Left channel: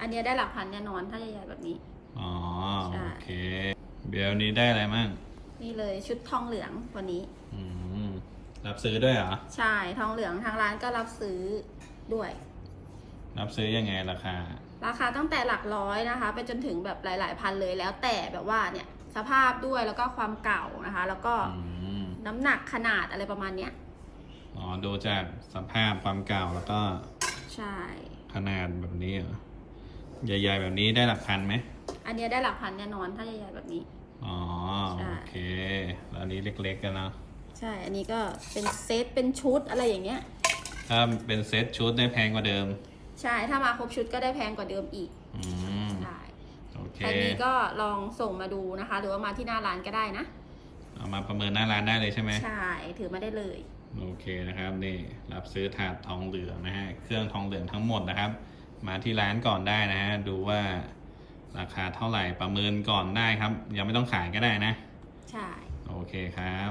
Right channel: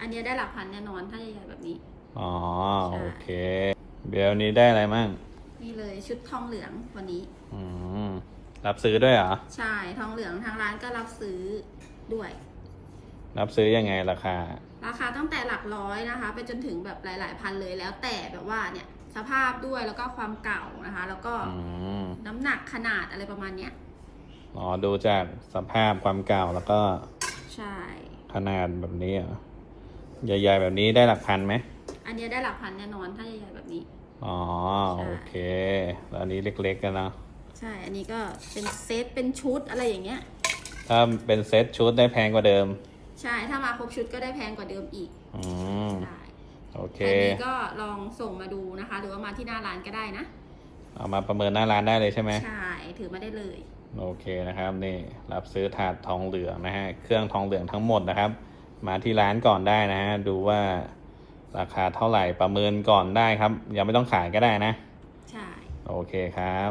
อันเนี้ยได้หลักพันแน่นอนถ้าใหญ่ๆแบบนี้ อ๋อ ใช่ โอเคเบลนี้ได้อะไรมั่งนี่เลยชุดทองเหลืองวันนี้ อืมรับซื้อด้วยเหรอ ใช่ทองเหลืองทางร้านก็รับซื้อด้วย รับซื้อยังไงราคา ราคาตั้งแต่หลักร้อยนะคะ ไปจนถึงแบบหลาย ๆ พันเลยแล้วแต่แบบว่าเนี่ยสภาพด้วยแล้วก็ความเก่านะคะ แล้วก็อืม น้ำหนักขนาดอะไรประมาณเนี้ยอ๋อ ดูจากสภาพความเก่าแล้วก็ใช่ ขนาดแบบนี้เหรอ ใหญ่ๆแบบนี้ได้หลักพันไหมอันเนี้ยได้หลักพันแน่นอนถ้าใหญ่ๆแบบนี้ อ๋อใช่ โอเคแล้วอันนี้เล็กๆกันนะใช่ อันนี้ก็เป็นเซตเป็นชุดอะไรอย่างเงี้ย ถ้าเป็นเซ็ตชุดได้แพงกว่าเดิม ใช่ถ้ามาครบชุดก็ได้แพงกว่าเดิมอีกอืมใช่โอเค ใครมีก็ลองส่งมาดูนะคะ หรือว่ามาที่หน้าร้านก็ได้นะ เอามาประเมินหน้าร้านได้เลยใช่ไหม ใช่ถือมาได้เลย โอเคนะครับนี่รับซื้อถาดทองเหลืองนะฮะเครื่องทองเหลืองทั้งหมดนะครับ มาที่ร้านก่อนได้นะฮะดูว่าราคาเท่าไหร่ประเมินก่อนได้ครับ ยังไม่ต้องขายก็ได้นะ ใช่ โอเคครับ